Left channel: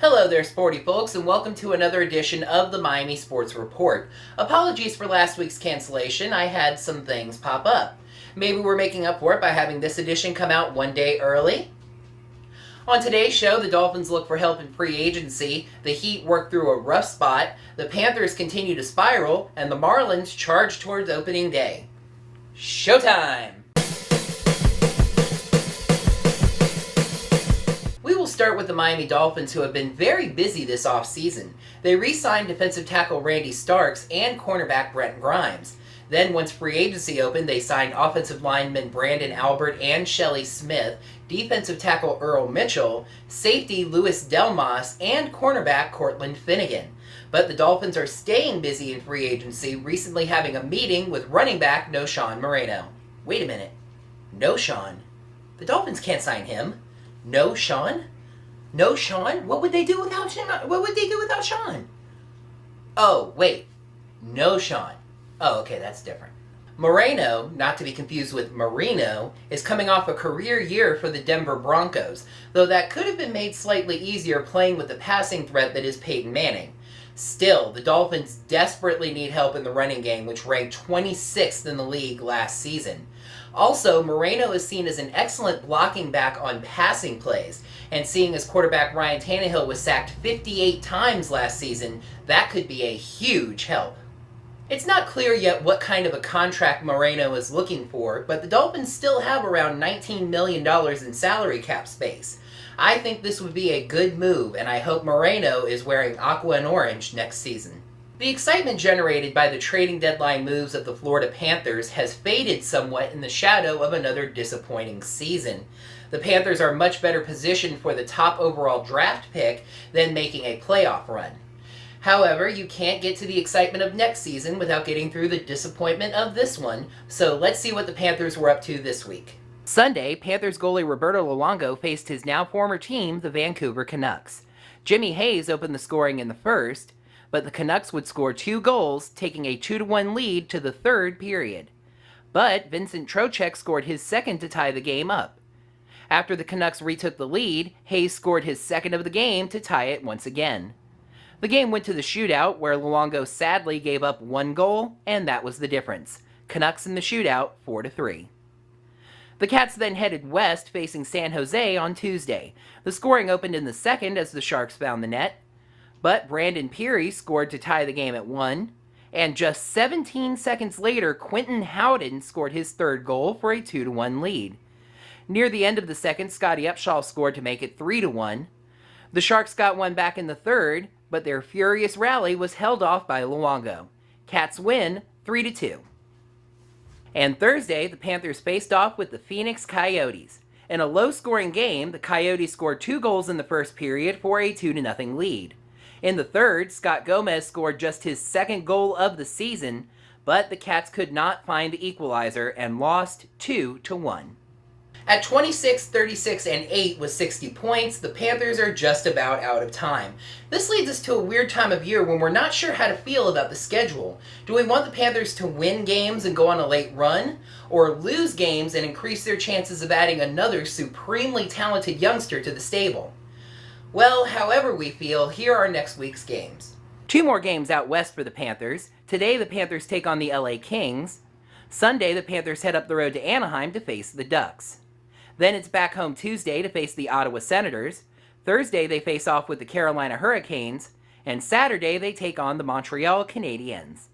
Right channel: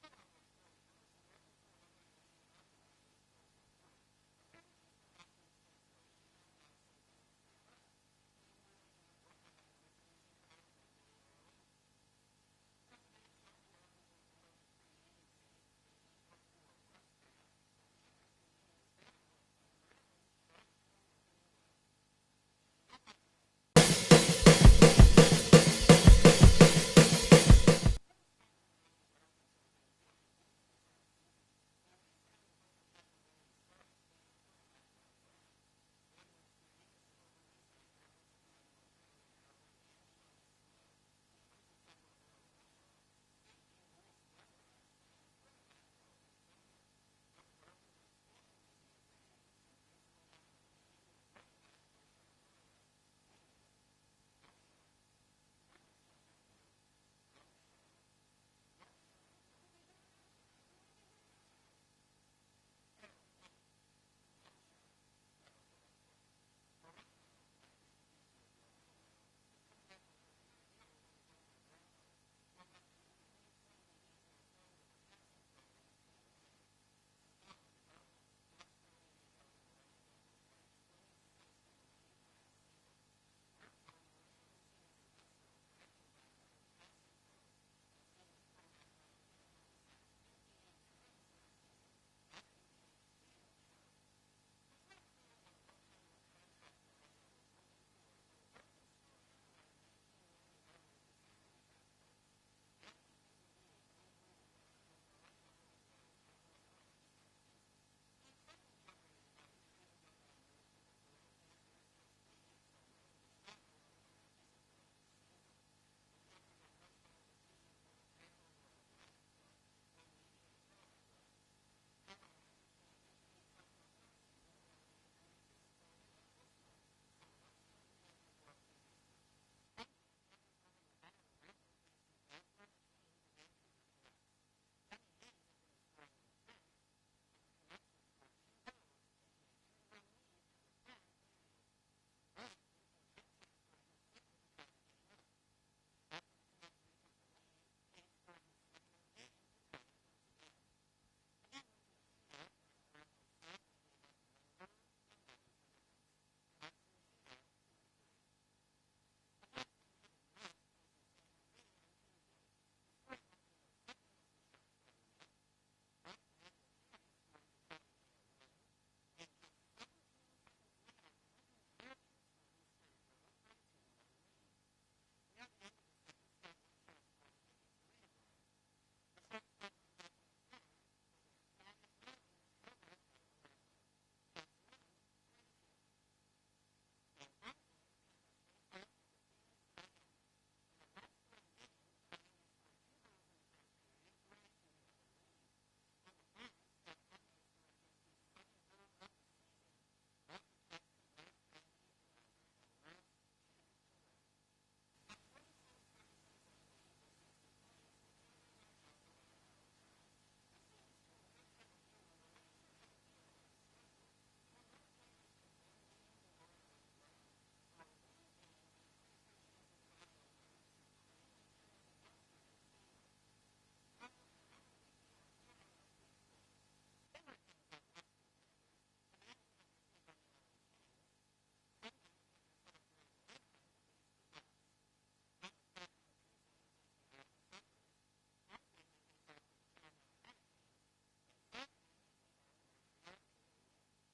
Hello there, sporty folks, and welcome to another edition of the Miami Sports Report. Apologies for last week's cancellation. I had some things pop up. Maybe we're making up for it by having this edition come out one day early. On today's show, the Dolphins look for help in free agency, the Heat work through a rough spot, the Panthers continue to spiral, and the Marlins charge towards opening day. Showtime! We will start with the Miami Dolphins, who have been very busy this offseason. They re-signed defensive tackle Randy Starks and cornerback Brent Grimes. Then, once free agency opened, they signed offensive linemen Brandon Albert and Shelley Smith, defensive tackle Earl Mitchell, safety Louis Delmas, and cornerback Cortland Finnegan. But the Dolphins are staying busy in free agency, recently having a meeting with running back Knowshon Moreno. Wait a minute. Knowshon? The Dolphins can't sign him. Knowshon? Knowshon? What would they do without Sean? What would they do without Sean? Oh, wait. Knowshon. Oh, okay, that's different. Moreno, not to be confused with Marino, is coming off a career year for the Denver Broncos, though that could have been made slightly easier playing with the passing threat that is Peyton Manning. Still, the Dolphins desperately need help in the running game, which ranked 26th in the league last season. Also, Moreno is seen as an excellent blocking back on passing plays, and seeing as quarterback Ryan Tannehill was sacked 58 times last season, that could be a huge help. It's not clear yet what kind of a contract Moreno is looking for, but the Dolphins still have around $19 million in salary cap space. I think this would be a good move, and I hope Moreno is wearing aqua and orange next season. The excitement generated by the trading deadline moves of the Florida Panthers has faded somewhat in the shadow of another disappointing season. The Panthers are much better positioned for the top overall draft pick than making a playoff run. However, you can't get to the excitement of next season without getting through the disappointment of this one, so let's see what the Panthers were up to this week. Sunday, Panthers goalie Roberto Luongo faced his now former team, the Vancouver Canucks. Jimmy Hayes opened the scoring in the first, but the Canucks would score 2 goals, taking a 2-1 lead to the third period. But Vincent Trocheck scored his second to tie the game up. After the Canucks retook the lead, Hayes scored his second of the game to tie it once again. The game went to the shootout, where Luongo sadly gave up 1 goal, and that was the difference. Canucks in the shootout, 4-3. The Cats then headed west, facing San Jose on Tuesday. The scoring opened in the second as the Sharks found the net, but Brandon Peary scored to tie the game at 1, and just 17 seconds later, Quentin Howden scored his third goal for a 2-1 lead. Near the end of the second, Scotty Upshaw scored to make it 3-1. The Sharks got one back in the third, but their furious rally was held off by Luongo. Cats win 3-2. And Thursday, the Panthers faced off with the Phoenix Coyotes. In a low-scoring game, the Coyotes scored 2 goals in the first period for a 2-0 lead. In the third, Scott Gomez scored just his second goal of the season, but the Cats could not find the equalizer and lost 2-1. At 26, 36, and 8 with 60 points, the Panthers are just about out of time. This leads us to a weird time of year when we're not sure how to feel about the schedule. Do we want the Panthers to win games and go on a late run, or lose games and increase their chances of adding another supremely talented youngster to the stable? Well, however we feel, here are next week's games. 2 more games out west for the Panthers. Today, the Panthers take on the LA Kings. Sunday, the Panthers head up the road to Anaheim to face the Ducks. Then it's back home Tuesday to face the Ottawa Senators. Thursday, they face off with the Carolina Hurricanes. And Saturday, they take on the Montreal Canadiens.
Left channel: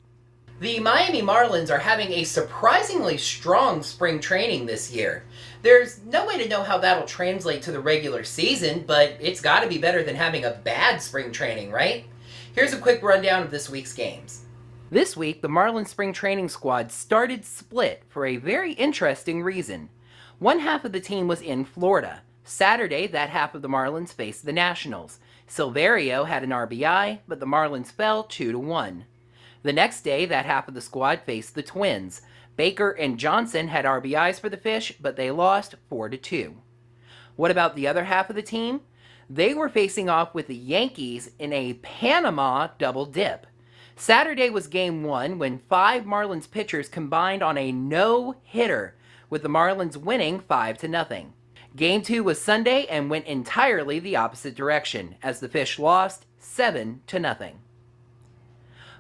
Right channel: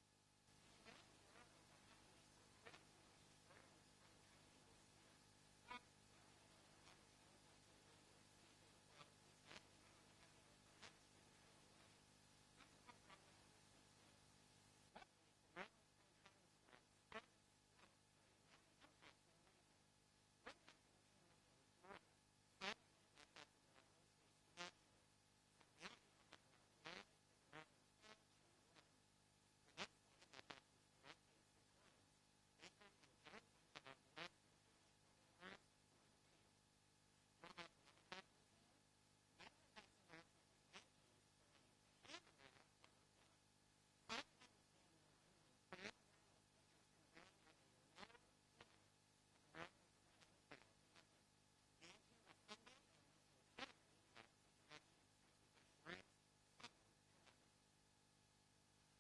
The Miami Marlins are having a surprisingly strong spring training this year. There's no way to know how that'll translate to the regular season, but it's got to be better than having a bad spring training, right? Here's a quick rundown of this week's games. This week, the Marlins spring training squad started split for a very interesting reason. One half of the team was in Florida. Saturday, that half of the Marlins faced the Nationals. Silverio had an RBI, but the Marlins fell 2-1. The next day, that half of the squad faced the Twins. Baker and Johnson had RBIs for the Fish, but they lost 4-2. What about the other half of the team? They were facing off with the Yankees in a Panama double dip. Saturday was Game 1 when 5 Marlins pitchers combined on a no-hitter, with the Marlins winning 5-0. Game 2 was Sunday and went entirely the opposite direction, as the Fish lost 7-0.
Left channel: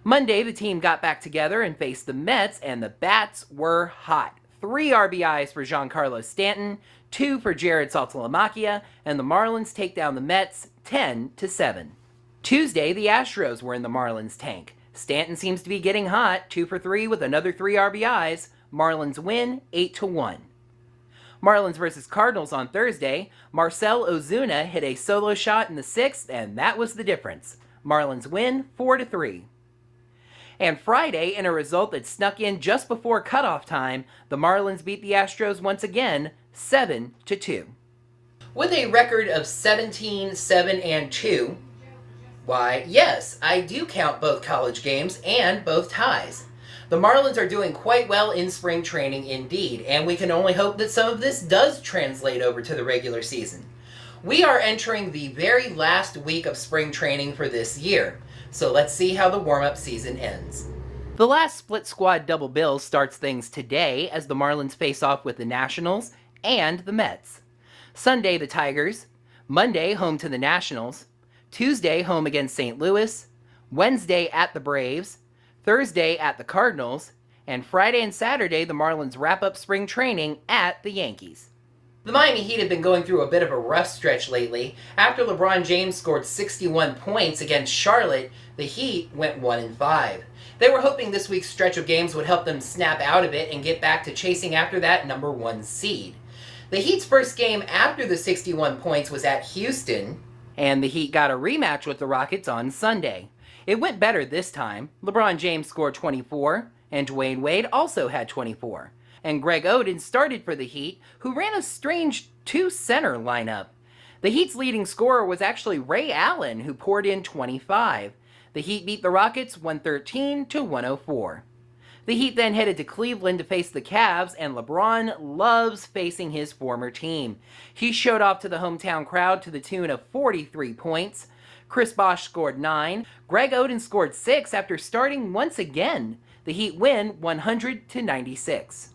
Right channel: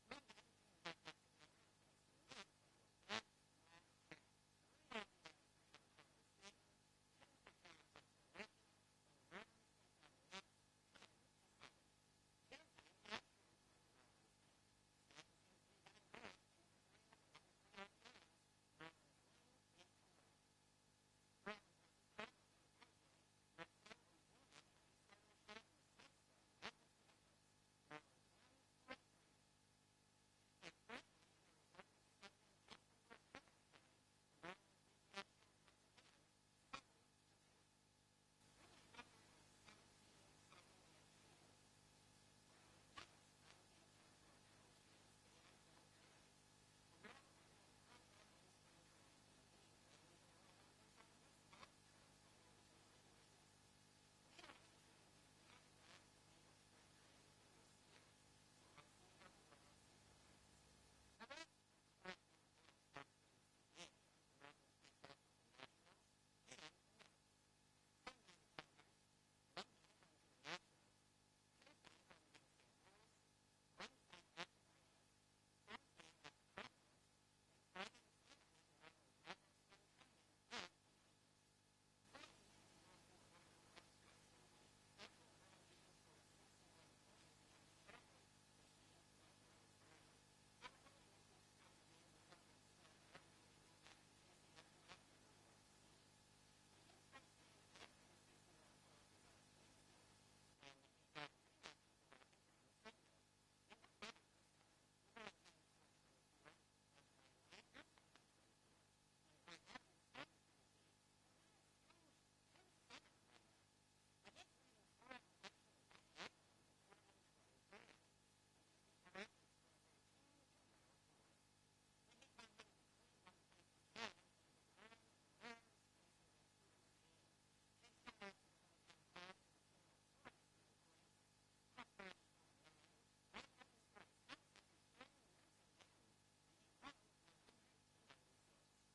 Monday, the team got back together and faced the Mets, and the bats were hot. 3 RBIs for Giancarlo Stanton, 2 for Jared Saltalamacchia, and the Marlins take down the Mets 10-7. Tuesday, the Astros were in the Marlins' tank. Stanton seems to be getting hot, 2 for 3 with another 3 RBIs. Marlins win 8-1. Marlins versus Cardinals on Thursday. Marcell Ozuna hit a solo shot in the 6th, and that was the difference. Marlins win 4-3. And Friday, in a result that snuck in just before cutoff time, the Marlins beat the Astros once again 7-2. With a record of 17-7-2, why, yes, I do count both college games and both ties. The Marlins are doing quite well in spring training indeed, and we can only hope that some of this does translate over to the regular season. We are entering the very last week of spring training for this year, so let's see how the warm-up season ends. The last split squad double bill starts things today as the Marlins face off with the Nationals and the Mets. Sunday, the Tigers. Monday, home to the Nationals. Tuesday, home against St. Louis. Wednesday, at the Braves. Thursday, at the Cardinals. And Friday and Saturday, the Marlins wrap up spring training at the Yankees. The Miami Heat have been going through a bit of a rough stretch lately. After LeBron James scored 61 points against Charlotte, the Heat went 1-5. They were hoping this week's stretch of games would help them snap out of it and get back to chasing after that number 1 seed. The Heat's first game after the 61 points was at Houston, and the Heat got a rematch with the Rockets on Sunday. It went better this time. LeBron James scored 24, and Dwayne Wade also had 24. And Greg Oden started for the Heat, who ran a strange 2-center lineup. The Heat's leading scorer was actually Ray Allen, who poured in 25. The Heat beat the Rockets 113-104. The Heat then headed to Cleveland to face the Cavs, and LeBron loves facing his former team. He showed off to the hometown crowd to the tune of 43 points. Chris Bosh scored 9. Greg Oden scored 6 after starting once again. The Heat win 100-96.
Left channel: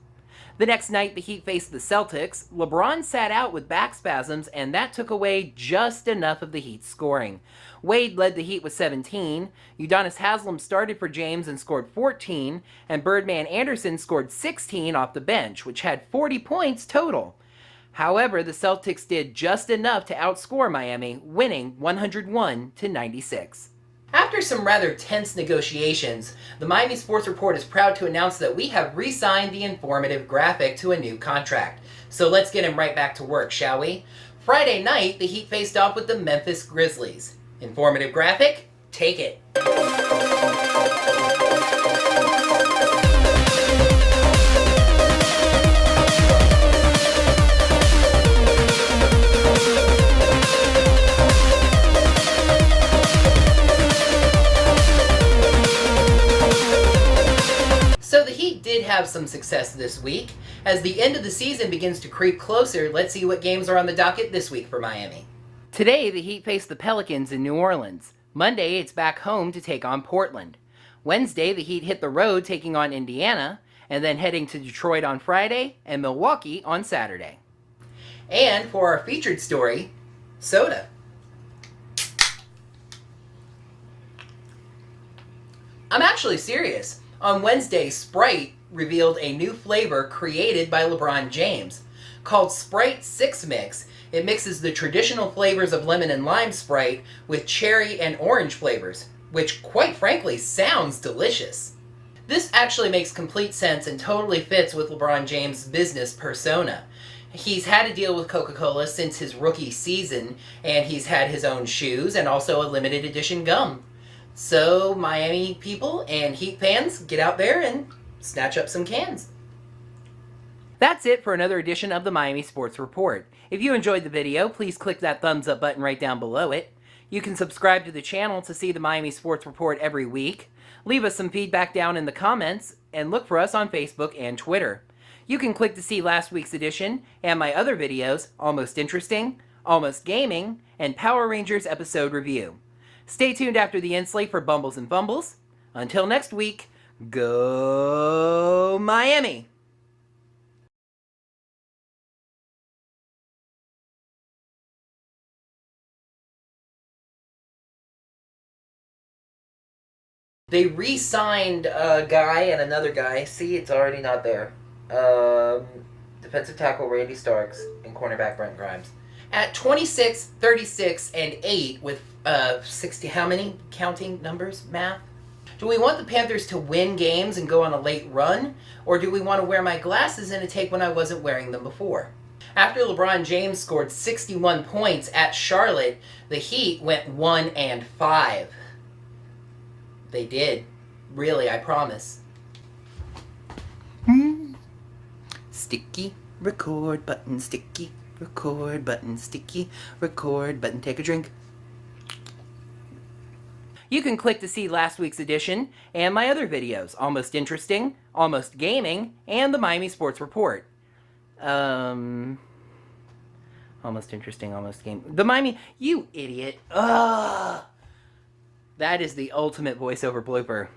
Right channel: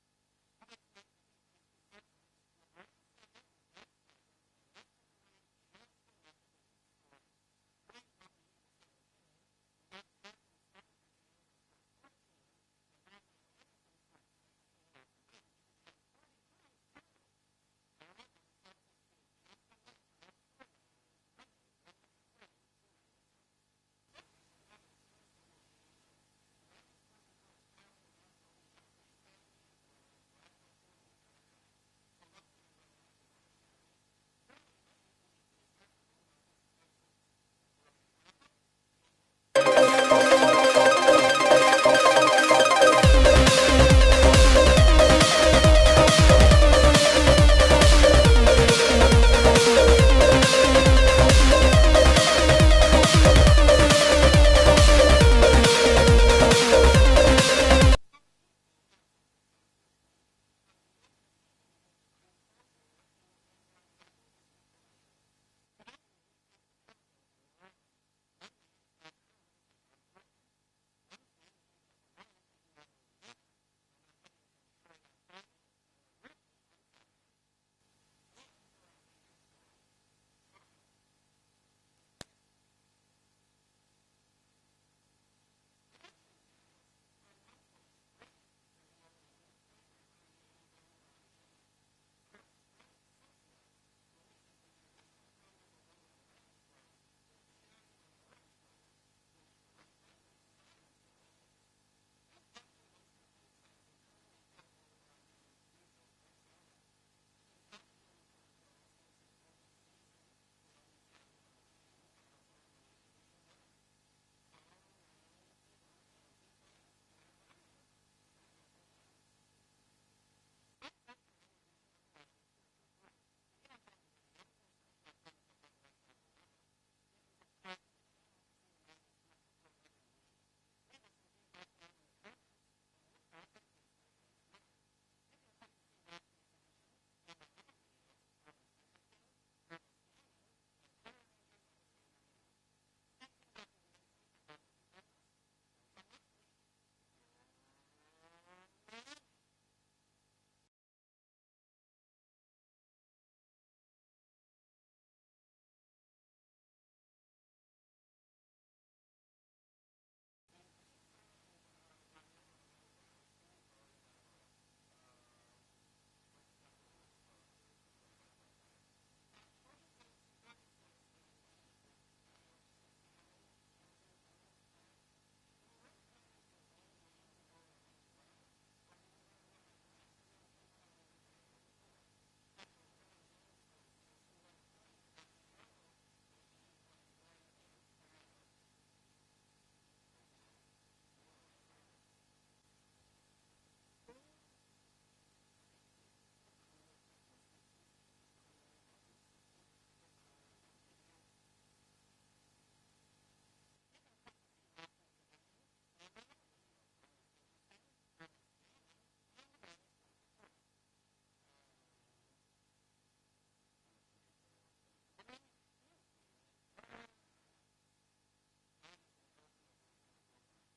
The next night, the Heat faced the Celtics. LeBron sat out with back spasms, and that took away just enough of the Heat's scoring. Wade led the Heat with 17. Udonis Haslem started for James and scored 14, and Birdman Anderson scored 16 off the bench, which had 40 points total. However, the Celtics did just enough to outscore Miami, winning 101-96. After some rather tense negotiations, the Miami Sports Report is proud to announce that we have re-signed the informative graphic to a new contract. So let's get him right back to work, shall we? Friday night, the Heat faced off with the Memphis Grizzlies. Informative graphic, take it. So the Heat did have some success this week. As the end of the season begins to creep closer, let's see what games are on the docket this week for Miami. Today, the Heat face the Pelicans in New Orleans. Monday, it's back home to take on Portland. Wednesday, the Heat hit the road taking on Indiana, and then heading to Detroit on Friday and Milwaukee on Saturday. And for our featured story, soda. I'm actually serious. On Wednesday, Sprite revealed a new flavor created by LeBron James. Called Sprite 6 Mix, it mixes the traditional flavors of lemon and lime Sprite with cherry and orange flavors, which quite frankly sounds delicious. This actually makes complete sense and totally fits with LeBron James' business persona. He's had to deal with Coca-Cola since his rookie season, and he's had his own shoes and also a limited edition gum. So, Miami people and Heat fans, get out there and snatch up some cans. That's it for another edition of the Miami Sports Report. If you enjoyed the video, please click that thumbs up button right down below it. You can subscribe to the channel to see the Miami Sports Report every week. Leave us some feedback down in the comments, and look for us on Facebook and Twitter. You can click to see last week's edition and my other videos, Almost Interesting, Almost Gaming, and Power Rangers episode review. Stay tuned after the end slate for Bumbles and Fumbles. Until next week, go Miami! They re-signed a guy and another guy. See, it's already not there. Defensive tackle Randy Starks and cornerback Brent Grimes. At 26, 36, and 8 with 60, how many counting numbers? Math? Do we want the Panthers to win games and go on a late run? Or do we want to wear my glasses in a take when I wasn't wearing them before? After LeBron James scored 61 points at Charlotte, the Heat went 1-5. They did. Really, I promise. Sticky record button, sticky record button, sticky record button. Take a drink. You can click to see last week's edition and my other videos, Almost Interesting, Almost Gaming, and the Miami Sports Report. Almost Interesting, Almost Game. The Miami, you idiot. Ugh. That is the ultimate voiceover blooper.